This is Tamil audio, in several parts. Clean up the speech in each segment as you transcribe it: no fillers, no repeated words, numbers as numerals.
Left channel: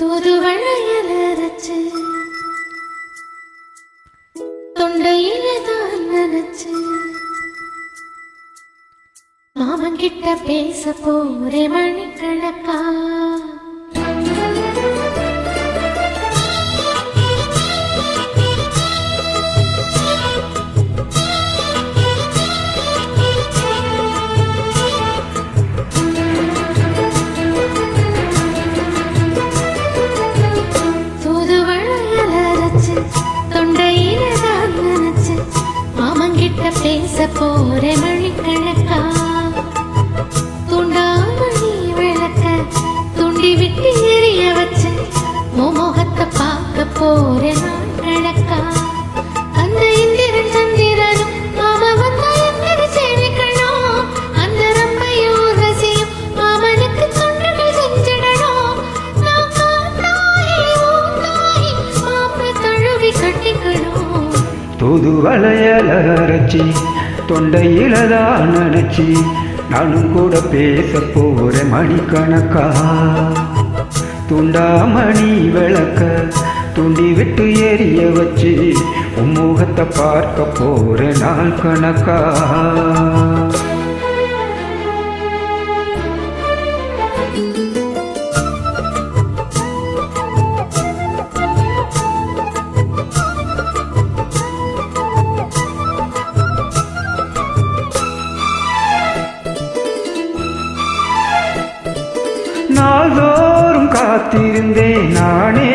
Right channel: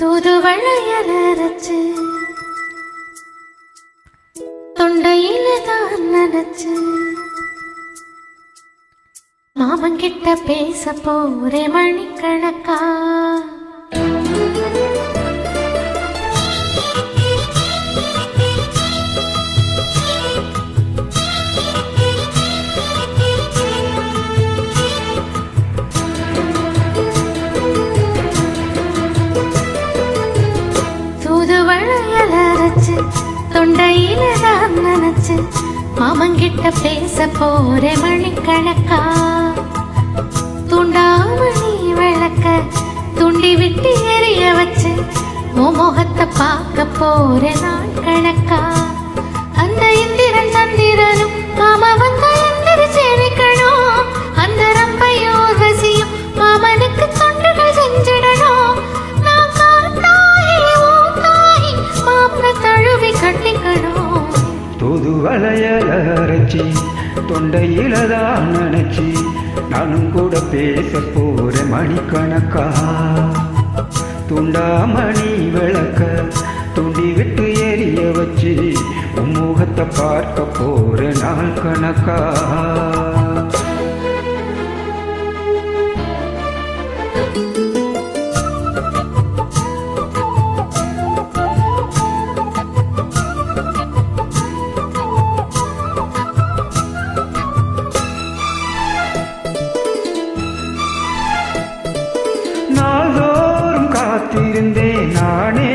தூதுவளையல அரைச்சு தொண்டையில தான் நினைச்சு மாமங்கிட்ட பேச போறே மணிக்கணக்கா. தூதுவளையல அரைச்சு தொண்டையில தான் நினைச்சு மாமங்கிட்ட பேச போறே மணிக்கணக்கா. துண்டாமணி விளக்க துண்டி விட்டு எரிய வச்சு முகத்தை பார்க்க போறே நாள் கணக்கா. அந்த இந்திரன் சந்திரனும் மாமா வந்தா எந்திரிச்சேனிக்கணும். அந்த ரம்பையோர் ரசியும் மாமனுக்கு தொண்டுகள் செஞ்சிடணும். நான் காத்தாயி ஊத்தாயி மாமனை தழுவி கட்டிக்கணும். தூதுவளையல அரைச்சி தொண்டையில தான் நினைச்சி நானும் கூட பேச போறேன் மணிக்கணக்கா. துண்டாமணி விளக்க துண்டி விட்டு எரிய வச்சு முகத்தை பார்க்க போறேன் நாள் கணக்கா. நாள்தோறும் காத்திருந்தேன் நானே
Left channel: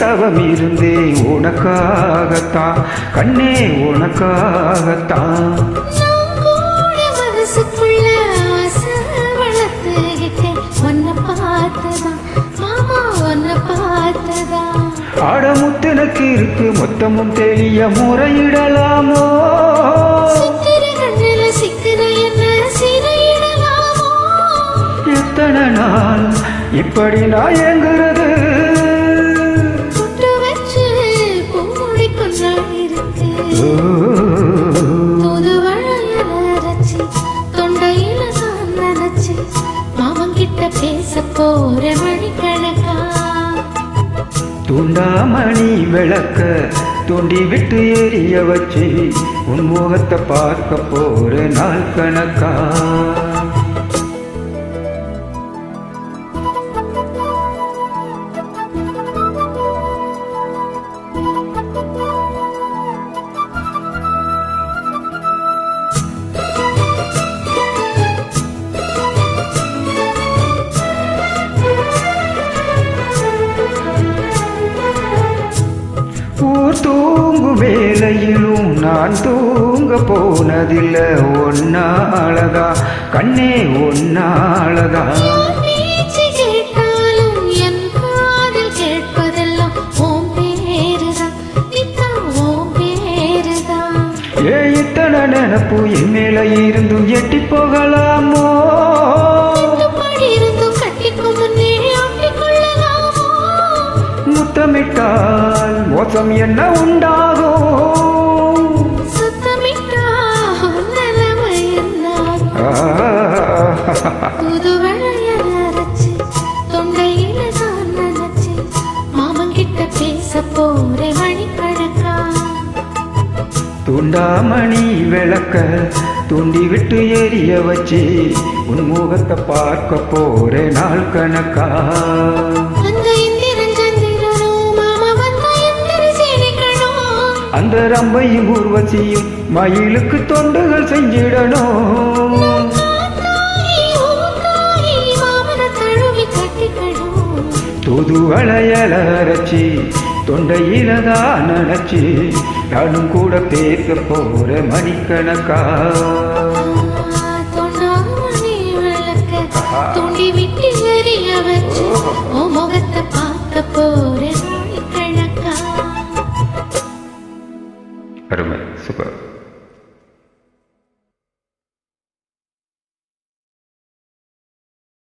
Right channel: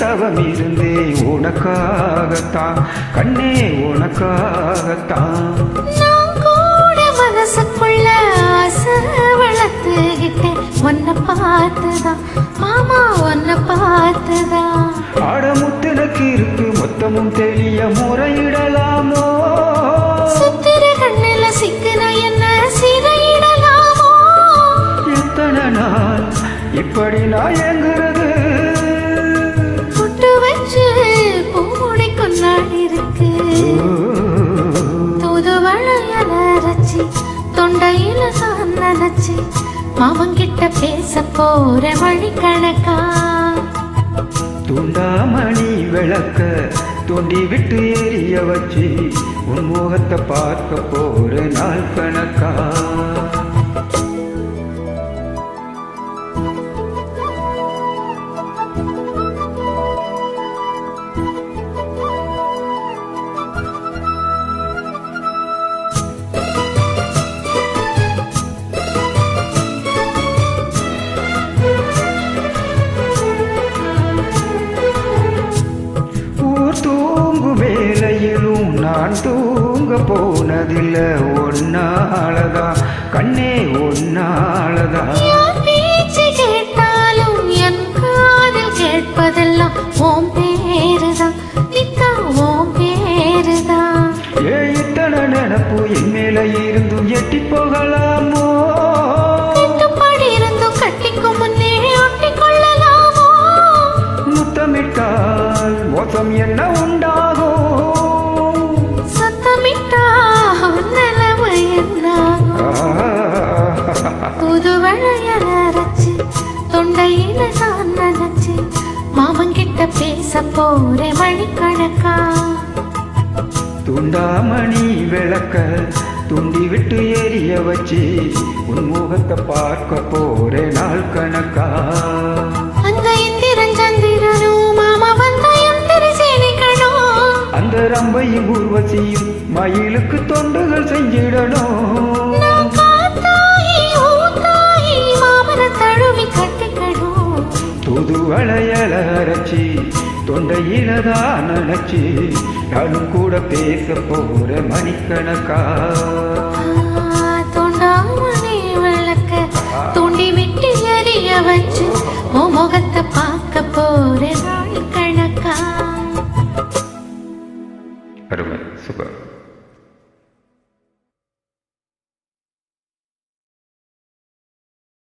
தவம் இருந்தேன் உனக்காகத்தான் கண்ணே உனக்காகத்தான். நான் கூட மனசுக்குள்ள ஆசை வளர்த்துக்கிட்டேன் உன்னை பார்த்துதான் மாமா உன்னை பார்த்துதான். ஆடமுத்தனுக்கு இருக்கு மொத்தமும் தெளிய முறையிடலாமோ. சித்திர கண்ணில சிக்குன என்ன சிறையிடலாமோ. எத்தனை நாள் இப்படி நான் எங்குறது. புட்டு வச்சு பூமுடி கொண்டாடி இருக்கு. தூதுவளையல அரைச்சி தொண்டையில தான் நினைச்சு மாமங்கிட்ட பேச போற மணிக்கணக்கா. துண்டாமணி விளக்க தூண்டி விட்டு எரிய வச்சு உன் முகத்தை பார்க்க போற நாள் கணக்கா. ஊர் தூங்கும் வேலையிலும் நான் தூங்க போனதில்லை ஒன்னாலதான் கண்ணே ஒன்னாலதான். பேச்சு கேட்டாலும் என் காதில் கேட்பதெல்லாம் ஓம் பேருதான் நித்தா ஓம் பேருதான். இத்தனை நினப்பு என் மேல இருந்தும் எட்டி போகலாமோ. கட்டுப்பாடு இருந்தும் கட்டிக்கும் முன்னே ஒட்டிக்கொள்ளலாமோ. முத்தமிட்டால் மோசம் என்ன உண்டாகும். சத்தமிட்டால் நிலைமை என்னாகும். தூதுவளையல அரைச்சு தொண்டையில தான் நினைச்சு மாமங்கிட்ட பேச போறே மணிக்கணக்கா. துண்டாமணி விளக்க தூண்டி விட்டு எரிய வச்சு உன் முகத்தை பார்க்க போறே நாள் கணக்கா. அந்த இந்திரன் சந்திரனும் மாமா வந்தா எந்திரிச்சேனிக்கணும். அந்த ரம்பையும் ஊர்வசியும் மயிலுக்கு தொண்டுகள் செஞ்சிடணும். நான் காத்தாயி ஊத்தாயி மாமனை தழுவி கட்டிக்கணும். தூதுவளையல அரைச்சி தொண்டையில தான் நினைச்சி நானும் கூட பேச போற மணிக்கணக்கா. தொண்டாமணி விளக்க தூண்டி விட்டு எரிய வச்சு